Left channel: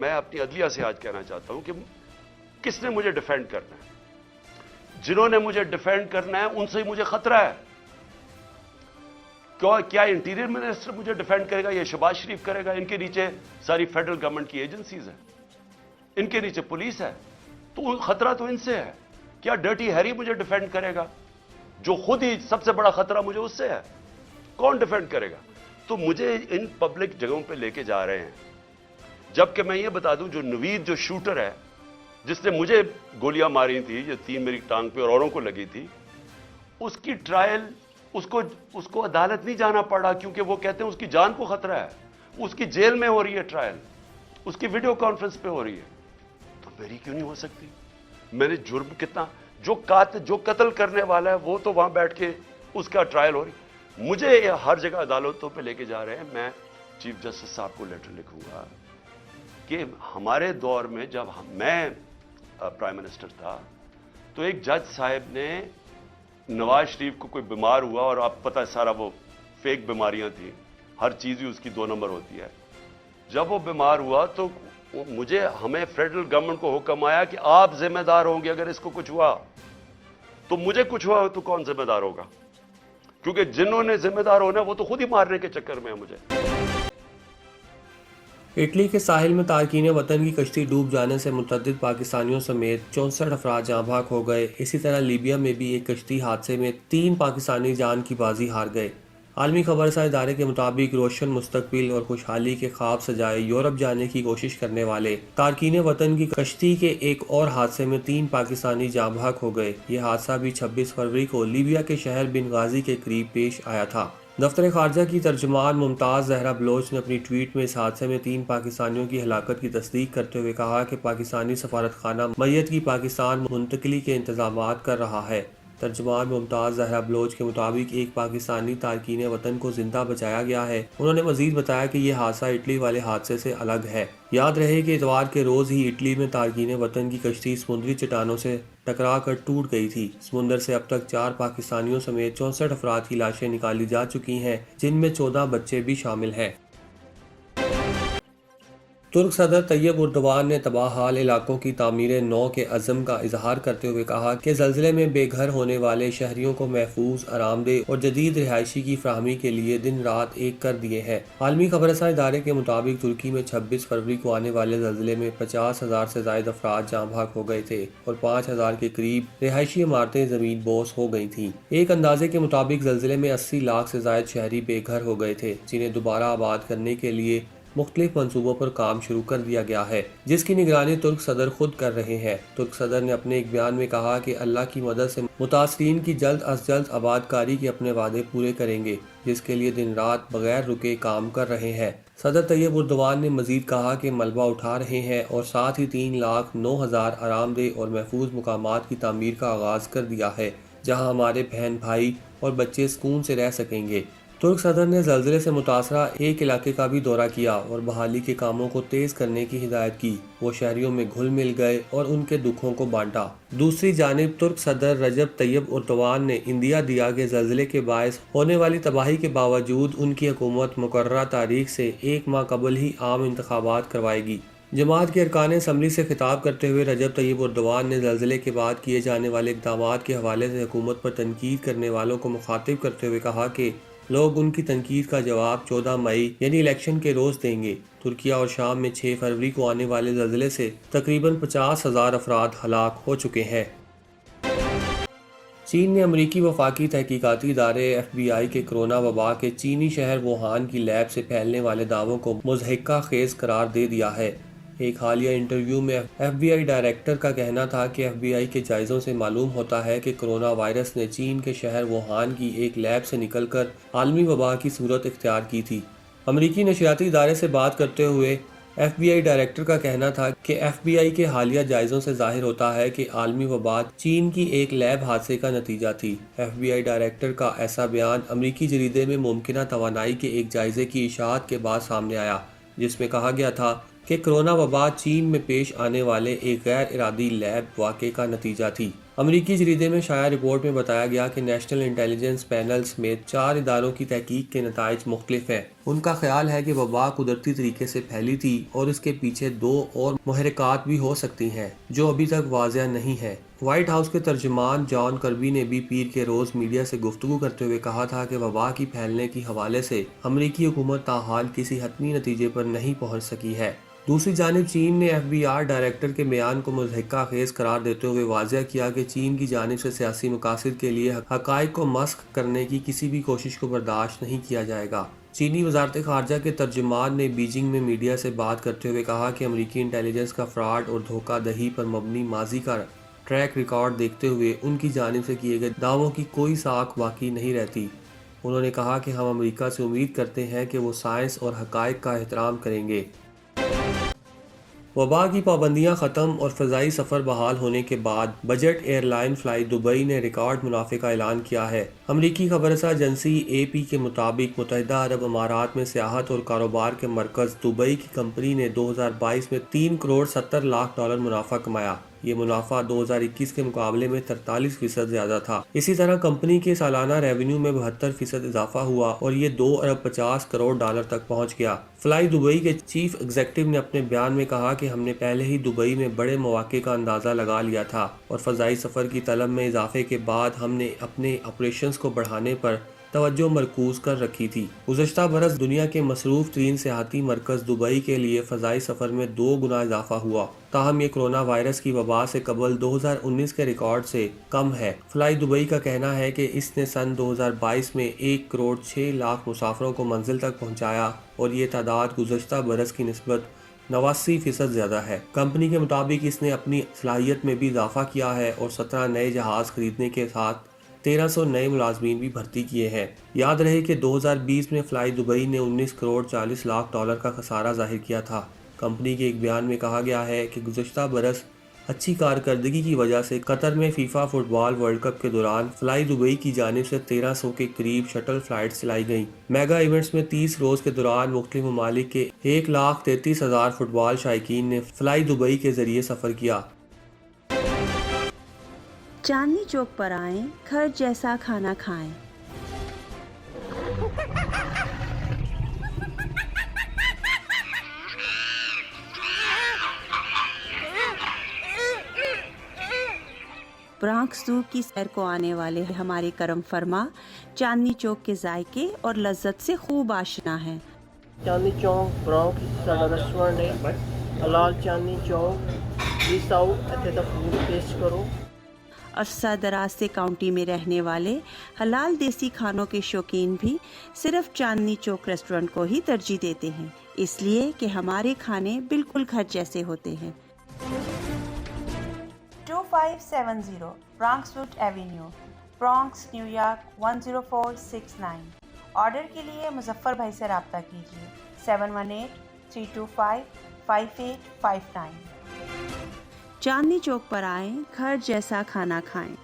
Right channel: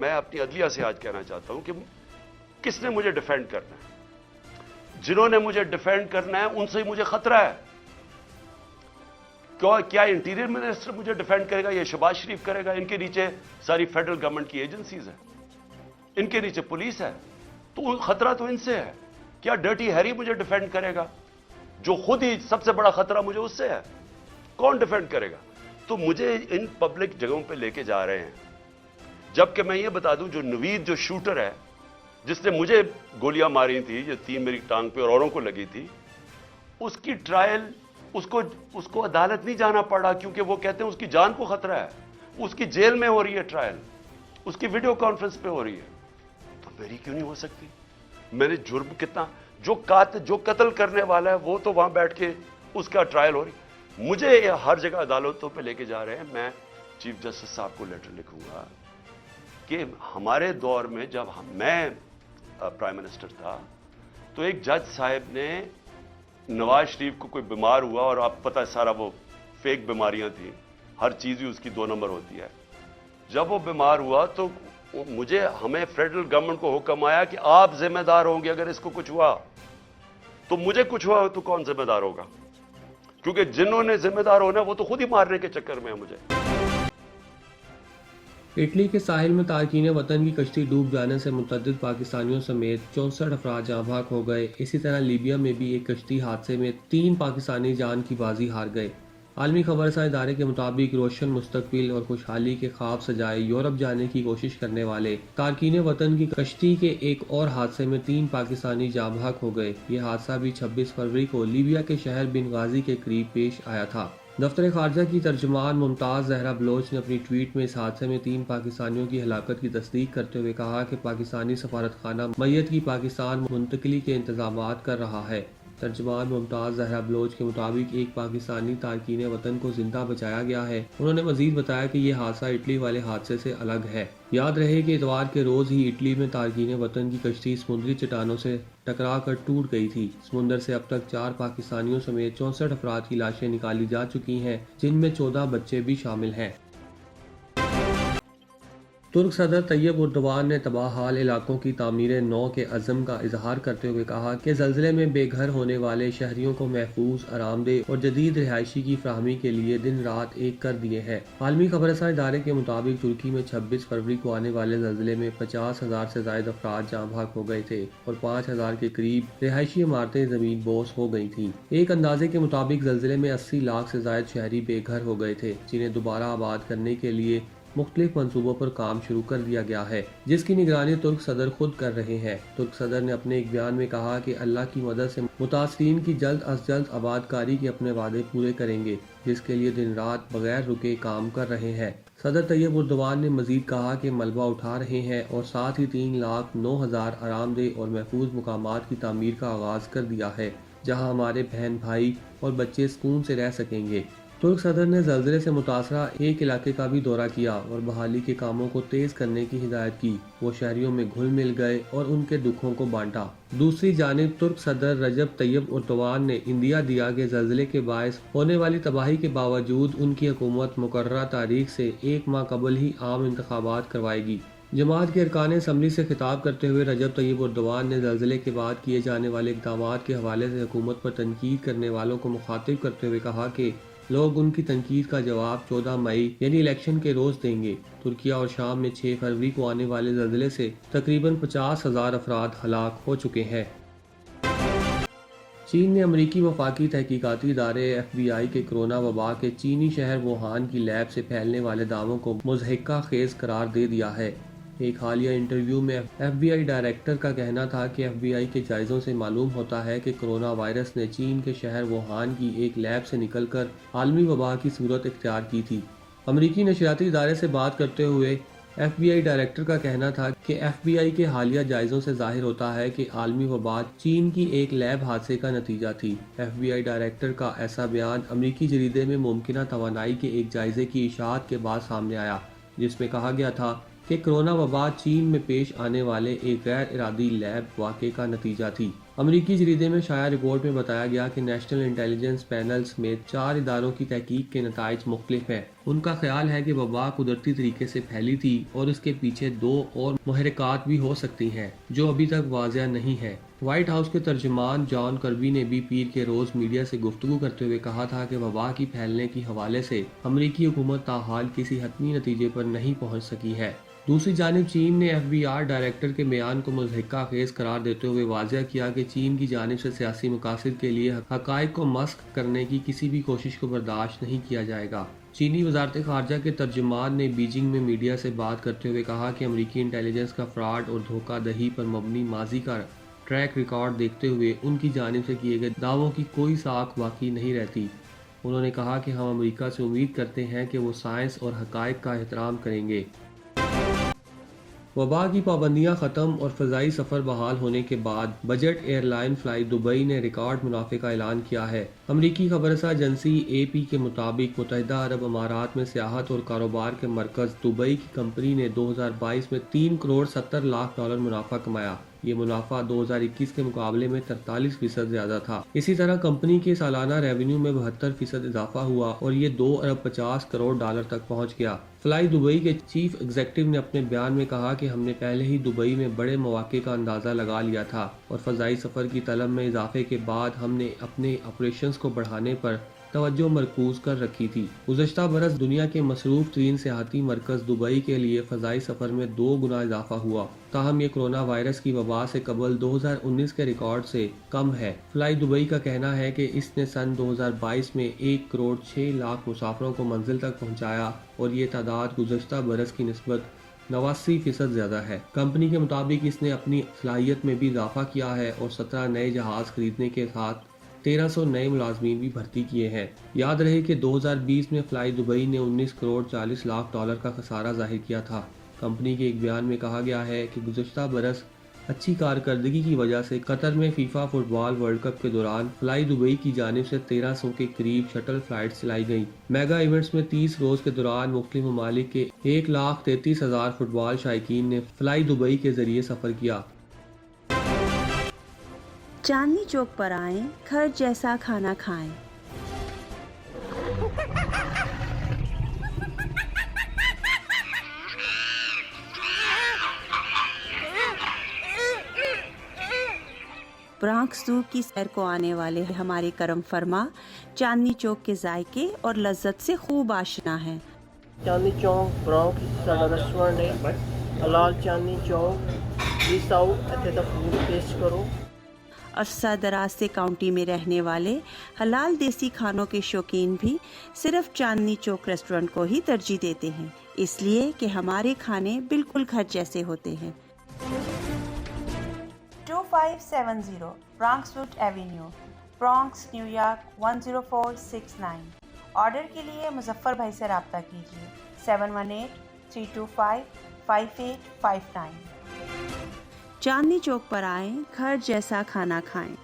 میں اپنی عدلیہ سے آج کہنا چاہتا ہوں کہ کس نے مجھے ڈیفینڈ کرنا ہے؟ جنہوں نے مجھے ڈیفینڈ کرنا ہے ان سے ہی مجھے خطرہ ہے. کیا انٹیریئر منسٹر مجھے ڈیفینڈ کرے گا؟ یہ شہباز شریف کرے گا؟ ان کے نیچے ساری فیڈرل گورنمنٹ کی ایجنسیز ہیں, ان کے نیچے پولیس ہے, تو خطرہ تو ان سے ہے. کیا ڈرٹی ہیری مجھے ڈیفینڈ کرے گا؟ جو خود ہی سب سے بڑا خطرہ مجھے اس سے ہے. کون ڈیفینڈ کرے گا؟ تو مجھے ان پبلک جگہوں پہ لے کے جا رہے ہیں, جبکہ میں یہ بتا دوں جو نوید جو شوٹر ہے جس نے مجھے گولیاں ماری تھی, یہ 3 میری ٹانگ پہ اور اوروں کو لگی تھی, اس کی ٹرائل اس کو عدالت نہیں جانا پڑا کیونکہ وہ کہتے ہیں اس کی جان کو خطرہ ہے. اس کی جیل میں ہو رہی ہے ٹرائل, اس کی ویڈیو کانفرنس پہ ہو رہی ہے, تو میری کیوں نہیں ہو سکتی؟ میں نے جرم کتنا, جو قتل کرنے والا ہے وہ تو وہاں بیٹھ کے اس کا ٹرائل ہو رہی. مجھے ہر جگہ عدالتوں پہ لے کے جا رہے ہیں. میں چیف جسٹس صاحب کو لیٹر لکھوں گا کہ ہمارے دور میں جب میں پرائم منسٹر تھا تو ایک جج صاحب نے نواز شریف کو کوئی بیمار ہوا, اور آپ پتہ سارا وہ فیک بیماریاں تھیں, ہر چیز ہی اس کی 2 نمبر ہوتی ہے. جب وہ بیمار ہوا تو ہمیں فیڈرل گورنمنٹ کو حکم آیا کہ آپ ذمہ دار ہوں گے اگر اس کو کچھ ہوا. تو مجھے کچھ ہوا تو کون ذمہ دار ہوگا؟ کیونکہ جنہوں نے ذمہ دار ہونا وہ تو خود ہی مارنے کے چکر میں ہے مجھے. اٹلی کے ساحل میں تارکین وطن کی کشتی ڈوب جانے سے متعدد پاکستانیوں سمیت 64 افراد جاں بحق ہو گئے. اسی طرح لیبیا میں بھی ایک کشتی حادثے میں 3 پاکستانی جان کی بازی ہار گئے. عالمی خبر رساں ادارے کے مطابق روشن مستقبل اور خوشحالی کے خواب سجائے یورپ جانے کی کوشش کرنے والے تارکین وطن کی کشتی کے ایک اور حادثے میں 3 پاکستانی جاں بحق ہو گئے. یہ حادثہ بھی 26 فروری کو لیبیا کے شہر بنغازی کے قریب پیش آیا تھا. دفتر خارجہ کی ترجمان ممتاز زہرا بلوچ نے اپنی ٹویٹ میں اس حادثے میں 3 پاکستانیوں کی ہلاکت کی تصدیق کرتے ہوئے کہا کہ پاکستانی سفارت خانہ میت کی پاکستان منتقلی کے انتظامات کر رہا ہے. ترجمان ممتاز زہرا بلوچ کے مطابق ایک پاکستانی تارکین وطن کو زندہ بچایا گیا ہے. انہوں نے مزید بتایا کہ یہ حادثہ اٹلی والے حادثے سے الگ ہے. یاد رہے کہ اتوار کے روز ہی اٹلی میں تارکین وطن کی کشتی سمندری چٹانوں سے ٹکرا کر ٹوٹ گئی تھی. سمندر سے اب تک 4 پاکستانیوں سمیت 64 افراد کی لاشیں نکالی جا چکی ہیں, جن میں 14 بچے بھی شامل ہیں. ترک صدر طیب اردوان نے تباہ حال علاقوں کی تعمیر نو کے عزم کا اظہار کرتے ہوئے کہا کہ زلزلے میں بے گھر ہونے والے شہریوں کو محفوظ, آرام دہ اور جدید رہائشی کی فراہمی کے لیے دن رات ایک کر دیے ہیں. عالمی خبر رساں ادارے کے مطابق ترکی میں 26 فروری کو آنے والے زلزلے میں 50,000 سے زائد افراد جاں بحق ہو گئے تھے اور 5,000 کے قریب رہائشی عمارتیں زمین بوس ہو گئی تھیں. ایک اندازے کے مطابق زلزلے میں 80 لاکھ سے زائد شہری بے گھر ہو گئے تھے, جنہیں دوبارہ آباد کرنے کے لیے مختلف منصوبوں پر کام شروع کر دیا گیا ہے, جس کی نگرانی ترک صدر خود کر رہے ہیں. ترک صدر نے اپنے ایک بیان میں کہا کہ اللہ کی مدد سے متاثرین کی جلد از جلد آباد کاری کے اپنے وعدے پورے کریں گے, جس کے لیے دن رات بغیر رکے کام کر رہے ہیں. صدر طیب اردوان نے مزید کہا کہ ملبہ اٹھا رہے ہیں اور ساتھ ہی 3,09,000 آرام دہ اور محفوظ مقامات کی تعمیر کا آغاز کر دیا ہے, جہاں ہمارے بہن بھائی اور بچے سکون سے رہ سکیں گے. ترک صدر نے زلزلے سے متاثرہ ایک علاقے کا بھی دورہ کیا اور بحالی کے کاموں کو تیز کرنے کی ہدایت کی. وہ شہریوں میں گھل مل گئے اور ان کے دکھوں کو بانٹا. دوسری جانب ترک صدر رجب طیب اردوان نے اندیا دیا کہ زلزلے کے باعث ہونے والی تباہی کے باوجود ان کی حکومت مقررہ تاریخ سے 1 ماہ قبل ہی عام انتخابات کروائے گی. جماعت کے ارکان اسمبلی سے خطاب کرتے ہوئے رجب طیب اردوان نے زلزلے کے بعد کیے جانے والے اقدامات کے حوالے سے حکومت پر تنقید کرنے والوں کو مخاطب کرتے ہوئے کہا کہ لوگ ان کی تنقید کا جواب 14 مئی یعنی الیکشن کے روز دیں گے. ترکیہ اور شام میں 6 فروری کو آنے والے زلزلے سے تقریباً 50,000 افراد ہلاک ہو چکے ہیں. چین نے امریکی وفاقی تحقیقاتی ادارے FBI کے کرونا وبا کے چینی شہر ووہان کی لیب سے پھیلنے والے دعووں کو مضحکہ خیز قرار دے دیا ہے. ایک حالیہ انٹرویو میں FBI ڈائریکٹر کا کہنا تھا کہ FBI کے جائزوں سے معلوم ہوتا ہے کہ کرونا وائرس نے چین کے شہر ووہان کی ایک لیب سے نکل کر عالمی وبا کی صورت اختیار کی تھی. امریکی نشریاتی ادارے سے بات کرتے ہوئے FBI ڈائریکٹر کا کہنا تھا کہ FBI کے حالیہ جائزوں سے ظاہر ہوتا ہے کہ عالمی وبا چین کی ایک لیب حادثے کا نتیجہ تھی. FBI ڈائریکٹر کا ایسا بیان امریکی جریدے میں ممکنہ توانائی کے ایک جائزے کی اشاعت کے بعد سامنے آیا, جس میں کہا گیا تھا کہ کرونا وبا چین میں پیش آنے والے ایک غیر ارادی لیب واقعے کا نتیجہ تھی. امریکی جریدے میں شائع رپورٹ میں بتایا گیا کہ نیشنل انٹیلیجنس پینل سمیت 4 اداروں کی تحقیق کے نتائج مختلف ہیں۔ ان کا خیال ہے کہ وبا قدرتی طریقے سے پھیلی تھی اور اس کے پیچھے 2 اور محرکات بھی ہو سکتی ہیں جو ابھی تک واضح نہیں ہیں۔ وائٹ ہاؤس کے ترجمان جان کربی نے بھی پیر کے روز میڈیا سے گفتگو کرتے ہوئے کہا تھا کہ وبا کی پھیلنے کے حوالے سے امریکی حکومت تاحال کسی حتمی نتیجے پر نہیں پہنچ سکی ہے۔ دوسری جانب چین نے FBI ڈائریکٹر کے بیان کو مضحکہ خیز قرار دیتے ہوئے واضح کیا کہ چین کی جانب سے سیاسی مقاصد کے لیے حقائق کو مسخ کرنے کی کسی بھی کوشش کو برداشت نہیں کیا جائے گا۔ چینی وزارت خارجہ کے ترجمان نے بیجنگ میں میڈیا سے بات کرتے ہوئے کہا کہ امریکی انٹیلیجنس کا فراڈ اور دھوکہ دہی پر مبنی ماضی کا ٹریک ریکارڈ دیکھتے ہوئے ان کی جانب سے کیے گئے دعووں کی کوئی ساکھ باقی نہیں رہتی۔ انہوں نے کہا کہ ہم امریکہ سے امید کرتے ہیں کہ وہ سائنس اور حقائق کا احترام کریں گے۔ وبا کی پابندیاں ختم اور فضائی سفر بحال ہونے کے بعد budget airline fly Dubai نے ریکارڈ منافع کا اعلان کیا ہے۔ امریکی خبررساں ایجنسی AP کے مطابق متحدہ عرب امارات میں سیاحت اور کاروبار کے مرکز دبئی کی کمپنی نے 2022 میں $3 کروڑ 70 لاکھ منافع کمایا۔ یہ منافع 2021 کے مقابلے میں 43% زیادہ تھا۔ اسی طرح کمپنی کے سالانہ ریونیو میں 72% اضافہ ہوا اور یہ $2 ارب 50 کروڑ تک پہنچ گیا۔ فلائی دبئی کے چیف ایگزیکٹو نے اپنے بیان میں کہا کہ ہم نے پہلے ہی دبئی میں بڑے مواقع کا اندازہ لگا لیا تھا اور فضائی سفر کی طلب میں اضافے کے بعد ہم نے اپنے آپریشنز کو بڑھانے پر توجہ مرکوز کر رکھی تھی۔ گزشتہ برس دنیا کے مصروف ترین سیاحتی مرکز دبئی کے لیے فضائی سفر میں 2 گنا اضافہ ہوا، تاہم یہ کرونا وائرس کی وبا سے قبل 2019 کے ریکارڈ سے کم ہے۔ فلائی دبئی کا کہنا ہے کہ اس نے سن 2022 میں 1 کروڑ 6 لاکھ مسافروں کو منزل تک پہنچایا اور یہ تعداد گزشتہ برس کی نسبت 89% زیادہ ہے۔ کمپنی کے مطابق اس نے اپنی صلاحیت میں بھی اضافہ کیا ہے اور 17 نئے جہاز خریدنے کے ساتھ 1300 نئے ملازمین بھی بھرتی کیے ہیں۔ یاد رہے کہ 2020 میں فلائی دبئی نے 19 کروڑ 40 لاکھ کا خسارہ ظاہر کیا تھا۔ کمپنی کے ایک بیان میں کہا گیا ہے کہ گزشتہ برس اچھی کارکردگی کی وجہ سے قطر میں فیفا فٹ بال ورلڈ کپ کے دوران فلائی دبئی کی جانب سے 1300 کے قریب شٹل فلائٹس چلائی گئیں۔ میگا ایونٹس میں 30 روز کے دوران مختلف ممالک کے 1,33,000 فٹ بال شائقین نے فلائی دبئی کے ذریعے سفر کیا۔ چاندنی چوک پر آئیں، گھر جیسا کھانا کھائیں۔ برانکس زو کی سیر کو آنے والے ہمارے کرم فرما چاندنی چوک کے ذائقے اور لذت سے خوب آشنا ہیں۔ چاندنی چوک برانکس ساڈا ریسٹورینٹ ہے، حلال چاندنی چوک پلیز آؤ اتنے دا فوڈ ٹیسٹ کرو۔ عرصہ دراز سے کاؤنٹی میں رہنے والے حلال دیسی کھانوں کے شوقین بھی صرف چاندنی چوک ریسٹورنٹ کو ہی ترجیح دیتے ہیں، اس لیے کہ ہمارے کھانے بالکل گھر جیسے ہوتے ہیں۔ 2570 Bronx Wood Avenue, Bronx, New York 10469۔ Order کے لیے مظفر بھائی سے رابطہ کیجیے 718-325-5859۔ چاندنی چوک پر آئیں، گھر جیسا کھانا کھائیں۔